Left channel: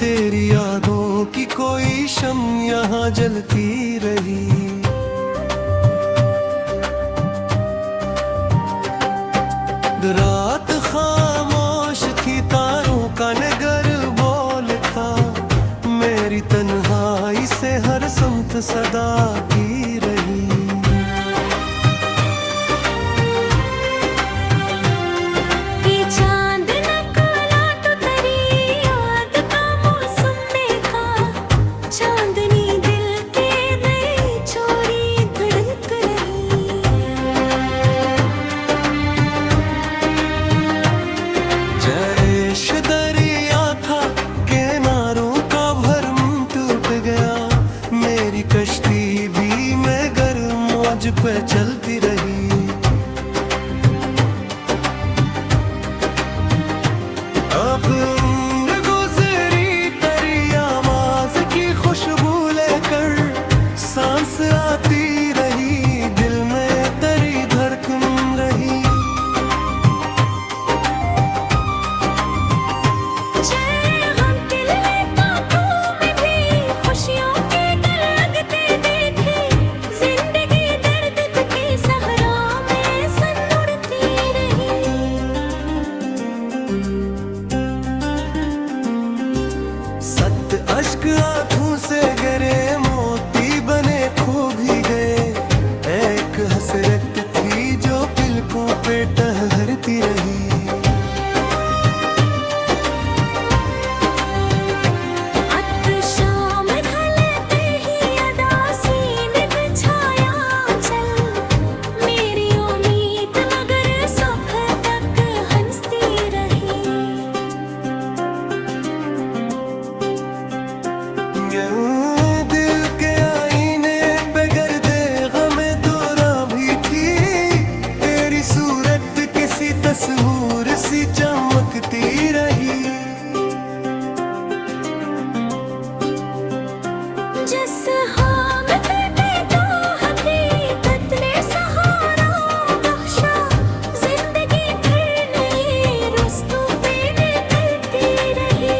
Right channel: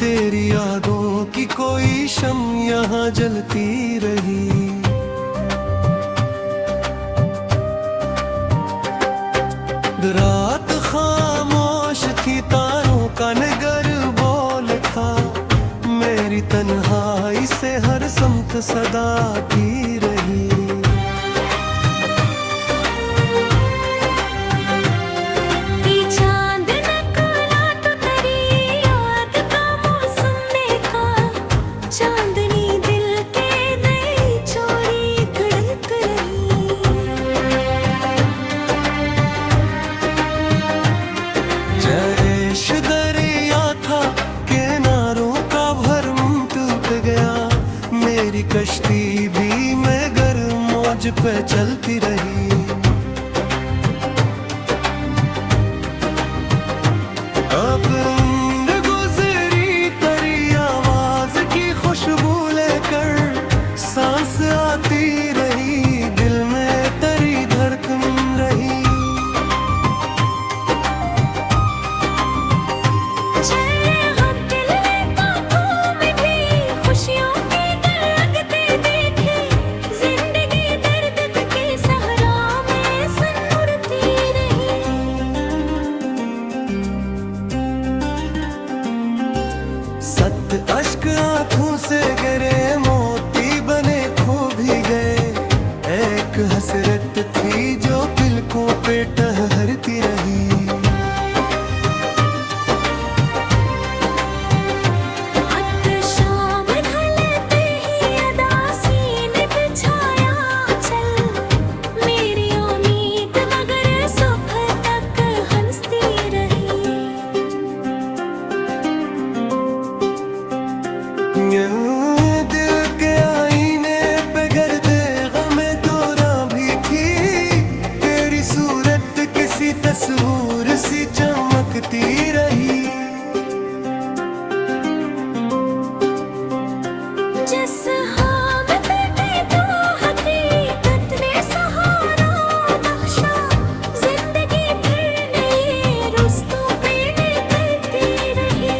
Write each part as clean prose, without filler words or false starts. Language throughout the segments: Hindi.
तेरी यादों की कोई शम यहाँ जलती रही। रात खामोश थी, तारों का नगर बोल था, मेरी तन्हाई से हर समत सदा की रही। जैश दरिया था, किनारों का भरम टूट गया, मेरी कश्ती भी मगर मौज पे चलती रही। अब उम्र गुजरी, तेरी आवाज की खुशबू लेकर सांस आती रही, दिल में तेरी धड़कन रही। सत अश्क आंखों से गिरे, मोती बने खो भी गए, एक हसरत थी जो पलकों पे टहरती रही। दिल के आईने पे गर्दे गमे दौरा भी थी, तेरी सूरत किसी तस्वीर सी चमकती रही। जिस हाँ में बैठे तो हकीकत ने सहारा बख्शा, जिंदगी फिर नई रुस्तों पे निकलती रही।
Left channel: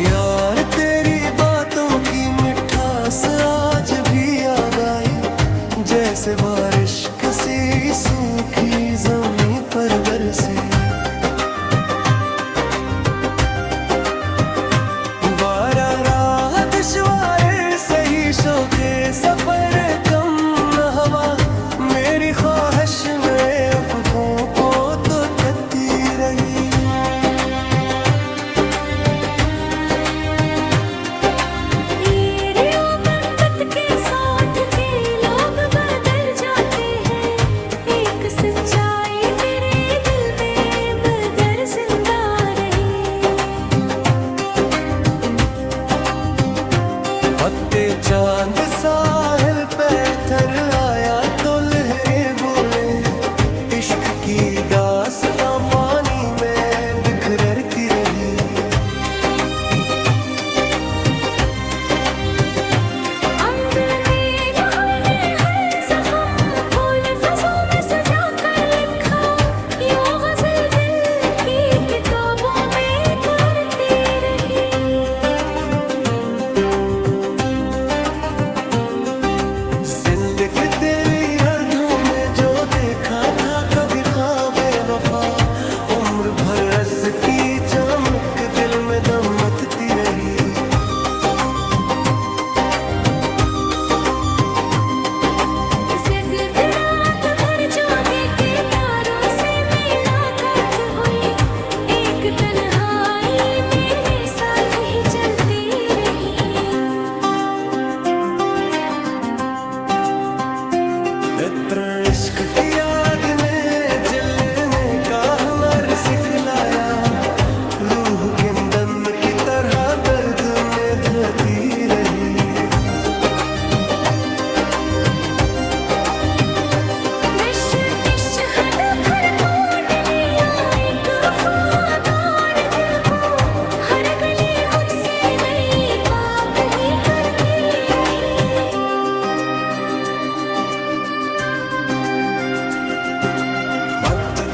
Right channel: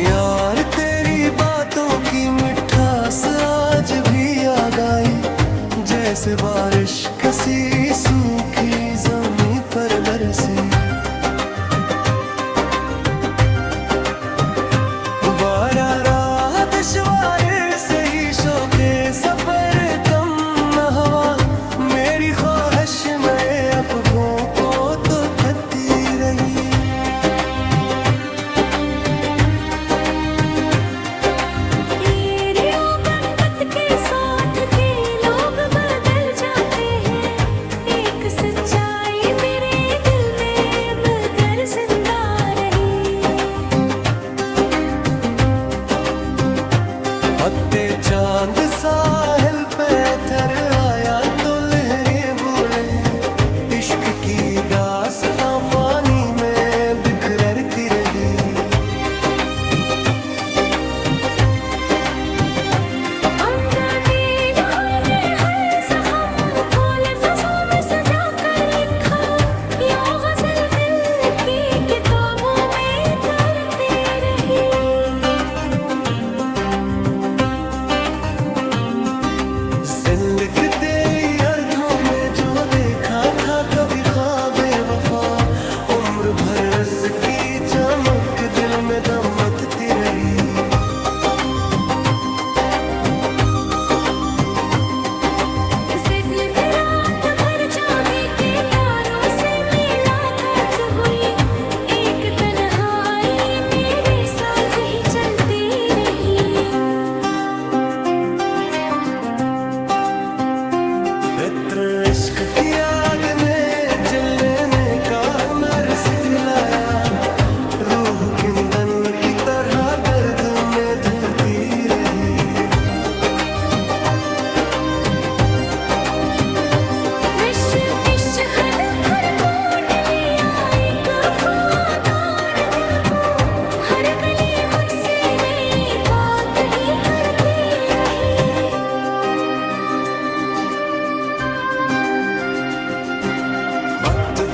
यार तेरी बातों की मिठास आज भी याद आई, जैसे बारिश किसी सूखी जमीन पर बरसी। वारा राह दुश्वार सही, शौके सफर कम न हवा, मेरी ख्वाहिश नए अफ़गों को तो करती रही। सच्चाई मेरे दिल में मगर जिंदा रही। पत्ते चांद साहिल पे उतर आया तो लहरें बोले, इश्क की दास्तां पानी में बिखरती रही। जिंदगी तेरी अर्धों में जो देखा था कभी ख्वाबे वफा, उम्र भर रस की चमक दिल में दमकती रही। रात भर जागे के तारों से मुलाकात हुई, एक तन्हाई मेरे साथ ही चलती रही। इश्क की आग ने जलने का हुनर सिखलाया, रूह किंदन की तरह दर्द में धरती रही।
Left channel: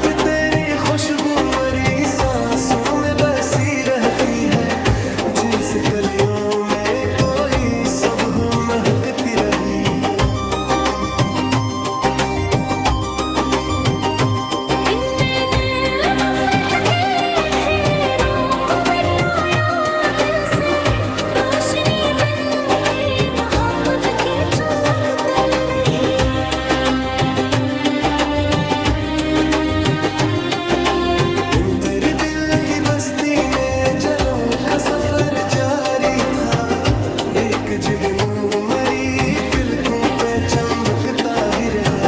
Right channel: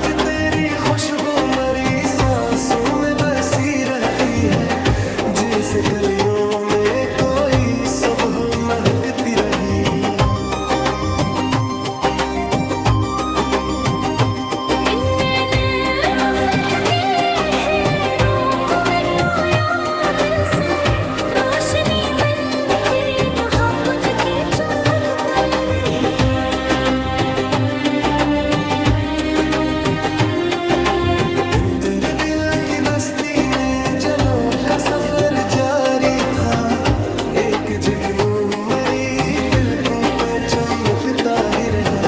रात तेरी खुशबू मरी सांसों में बसी रहती है, जैसे कलियों में कोई सुबह महकती रही। तेरे दिल की बस्ती में जलों का सफर जारी था, एक जुगनू मरी पिलकों पे चमकता ही रहा।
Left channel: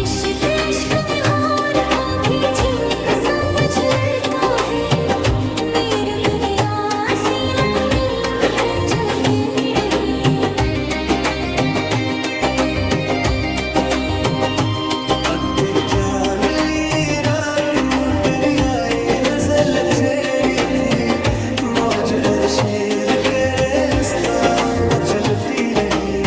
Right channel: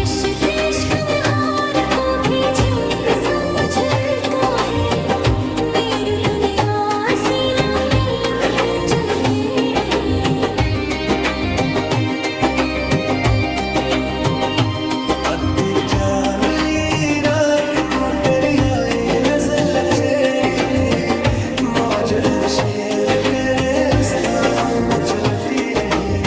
इश्क में हार को भी जीत समझ लेता है, मेरी दुनिया सी उम्मीद पे चलती रही। अद्दे जानली रात नु करियाए गजल छेरी थी, मौज अरशेर करे रुस्ता न चलती रही।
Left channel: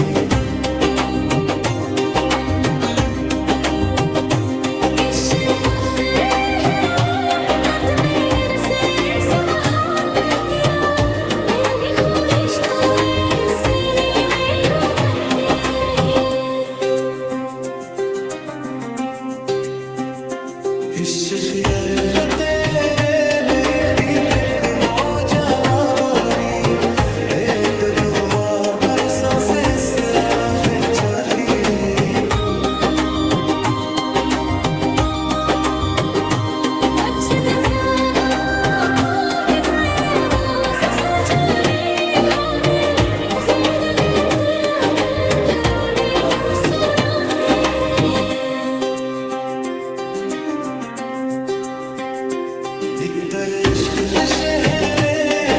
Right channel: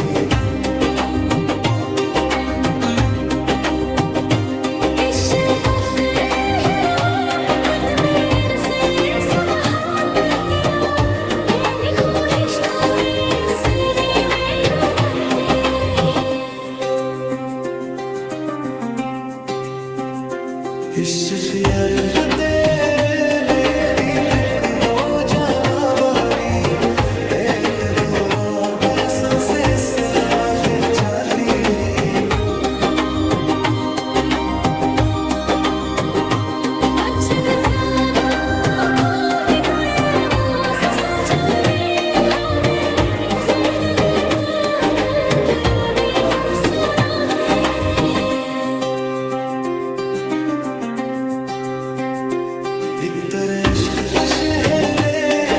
इश्तियार तेरे में तीतक हो जाना बारी, एक दुआ बरसों से सिरा पे जाती है। इतर इश्क के शहर ने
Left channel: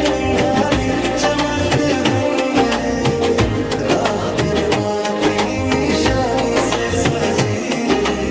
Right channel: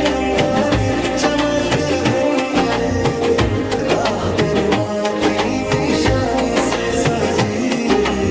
तुम्हारी चमक हंगरे, राह माती निशानी से सजी रही।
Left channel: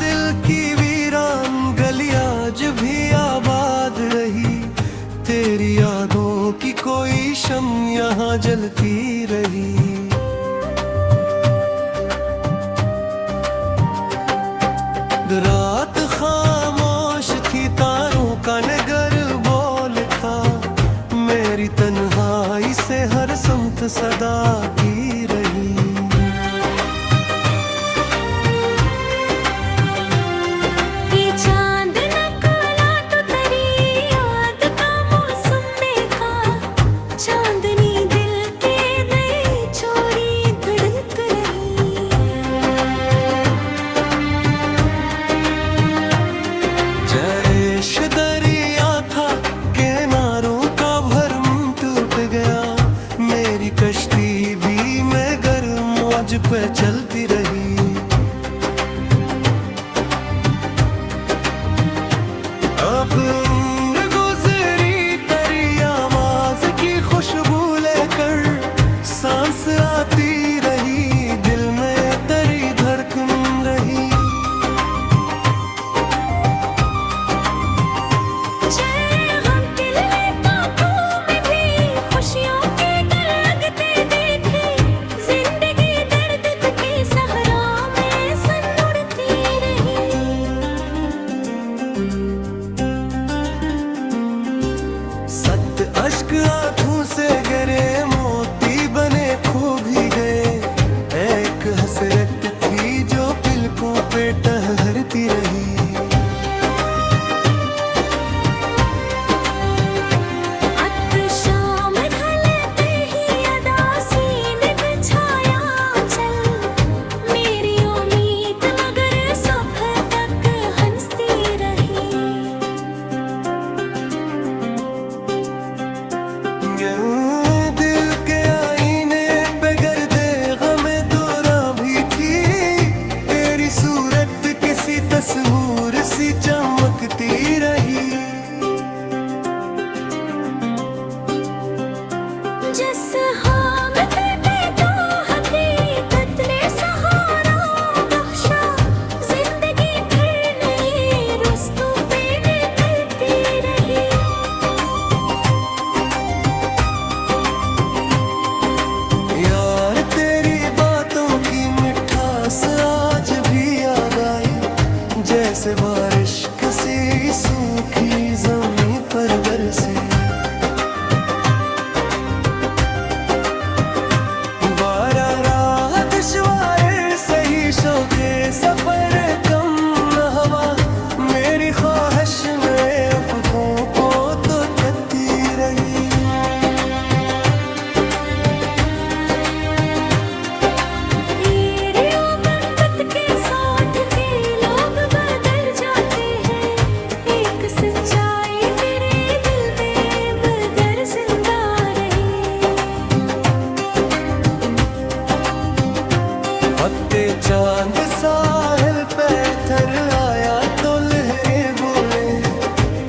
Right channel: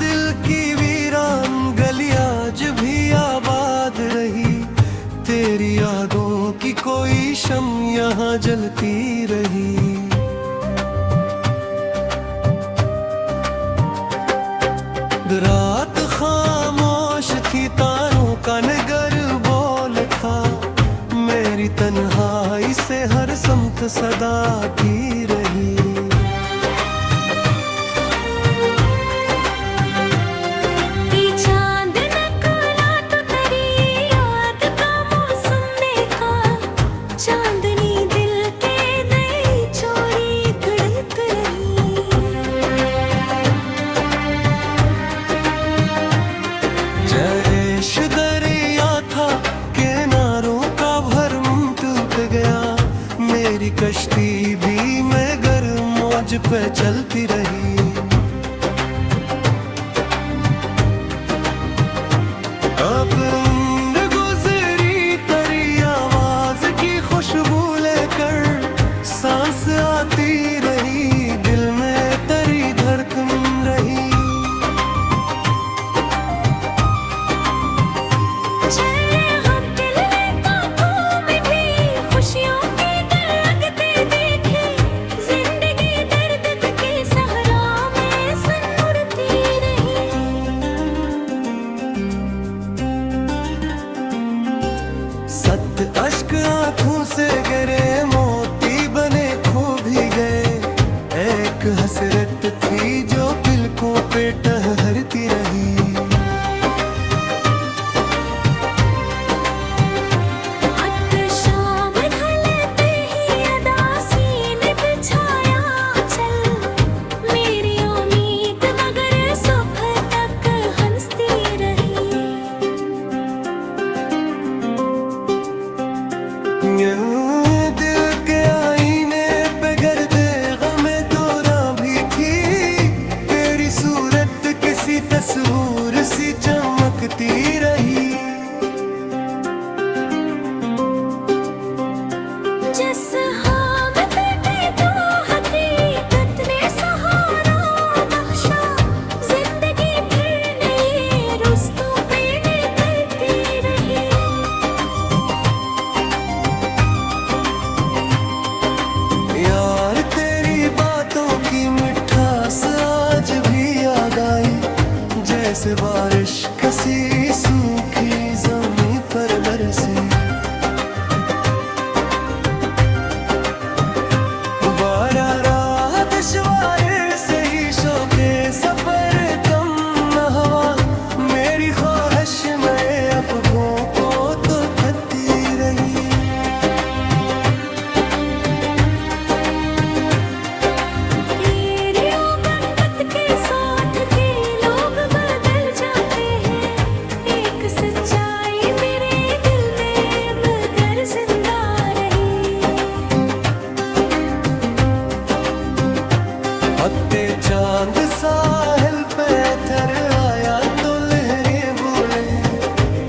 दिल की वीरान गली आज भी आबाद रही, तेरी यादों की कोई शम्म यहाँ जलती रही। रात खामोश थी, तारों का नगर बोल था, मेरी तन्हाई से हर समत सदा की रही। जैश दरिया था, किनारों का भरम टूट गया, मेरी कश्ती भी मगर मौज पे चलती रही। अब उम्र गुजरी तेरी आवाज की खुशबू लेकर, सांस आती रही, दिल में तेरी धड़कन रही। सत अश्क आंखों से गिरे, मोती बने खो भी गए, एक हसरत थी जो पिलकों पे टहरती रही। ये दिल के आईने पे गर्दे गमे दौरा भी थी, तेरी सूरत किसी तस्वीर सी चमकती रही। जिस हाँ में बैठे तो हकीकत ने सहारा बख्शा, जिंदगी फिर नई रुस्तों पे निकलती रही। यार तेरी बातों की मिठास आज भी याद आई, जैसे बारिश किसी सूखी जमीन पर बरसी। बारा राह दुश्वार सही शौके सफर कम न हवा, मेरी ख्वाहिश नए अफकों को तो करती रही। सच्चाई मेरे दिल में मगर जिंदा रही। पत्ते चांद साहिल पे थर आया तो लहरें बोले,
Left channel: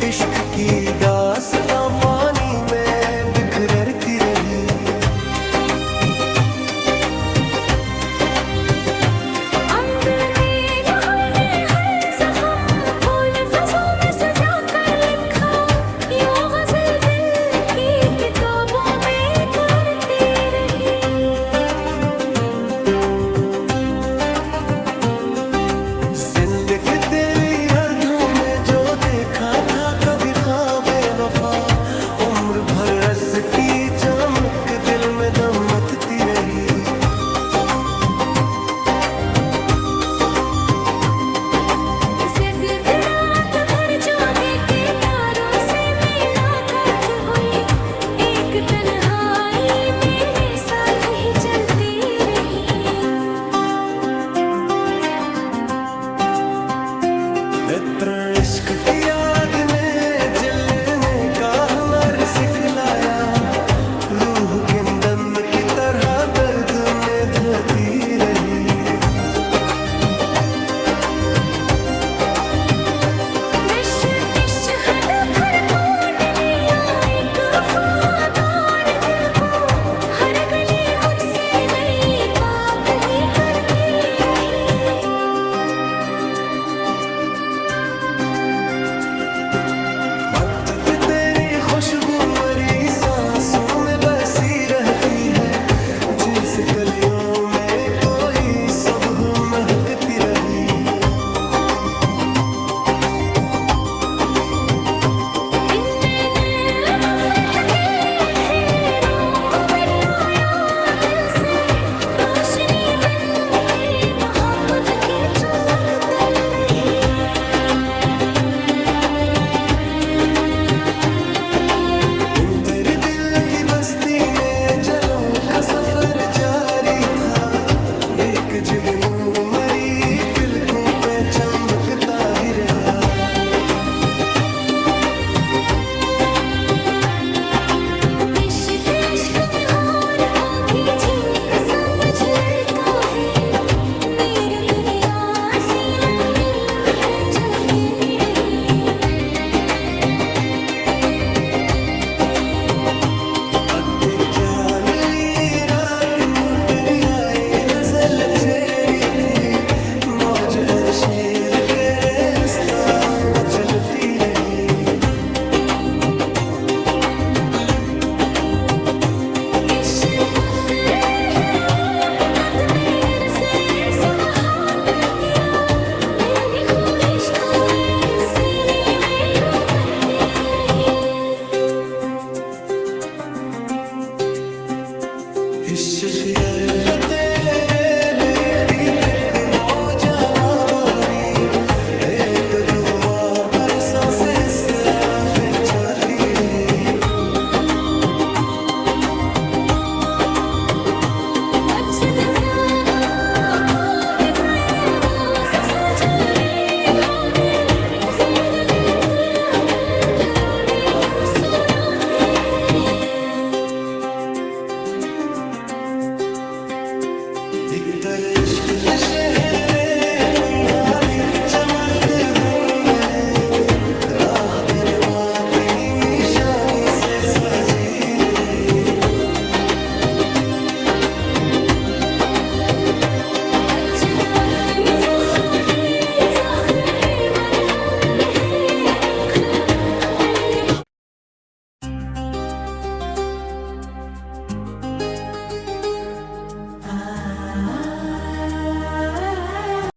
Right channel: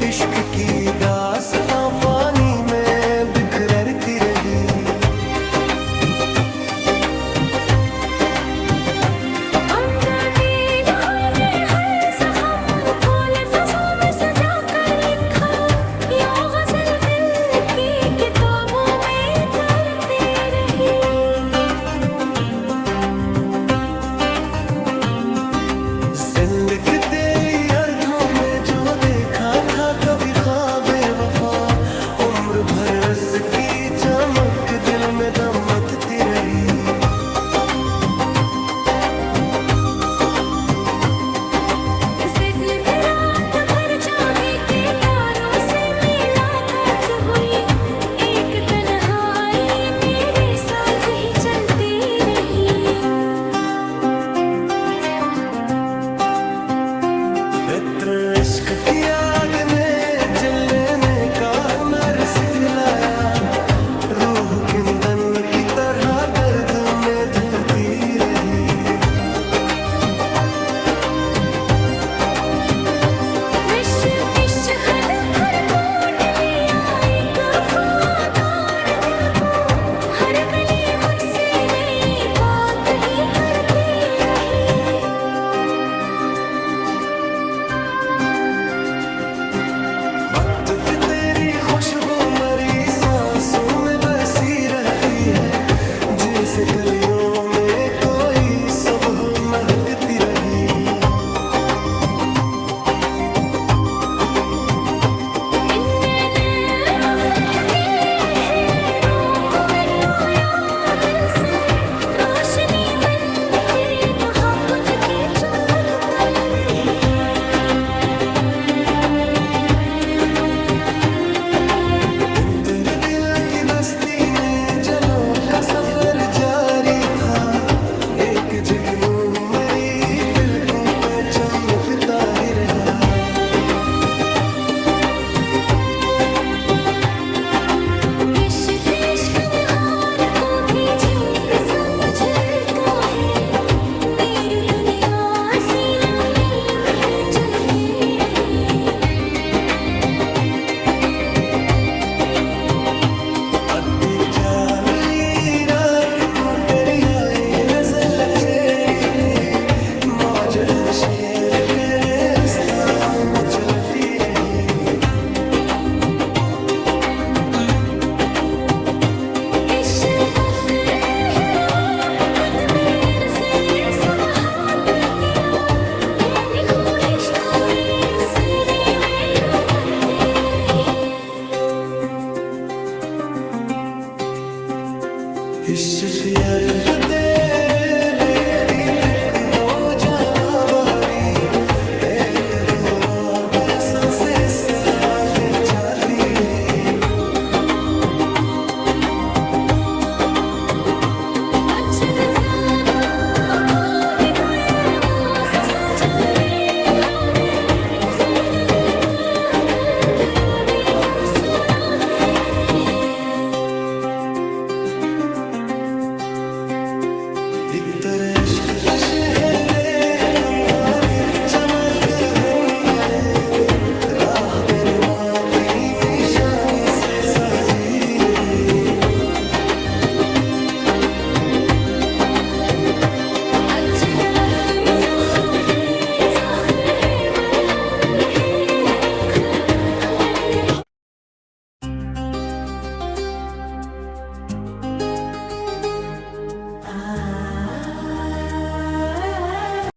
इश्क की दास्तां पानी में बिखरती रही। जिंदगी तेरी अर्थों में जो देखा था कभी ख्वाबे वफा, उम्र भर रस की चमक दिल में दमकती रही। रात भर जागे के तारों से मुलाकात हुई, एक तन्हाई मेरे साथ ही चलती रही। इत्र इश्क की आग ने जलने का हुनर सिखलाया, रूह किंदन की तरह दर्द में धरती रही। वक्त तेरी खुशबू मरी सांसों में बसी रहती है, जिसे कलियों में कोई सुबह महकती रही। तेरे दिल की बस्ती में जलों का सफर जारी था, एक जुगनू मरी पिलकों पे चमकता ही रहा। इश्क में हार को भी जीत समझ लेता है, मेरी दुनिया सी उम्मीद पे चलती रही। अद्दे क्या नुई रात नु करी आए गजल छेरी थी, मौज अरशेर करे रुस्ता चलती रही। इश्तियार तेरे में दीपक वो जाना पारी, रेत दुआ बरसों से पे जाती ही। इतर इश्क ते शहर ने तुम्हारी चमक हन्नरे राह तेरे माती में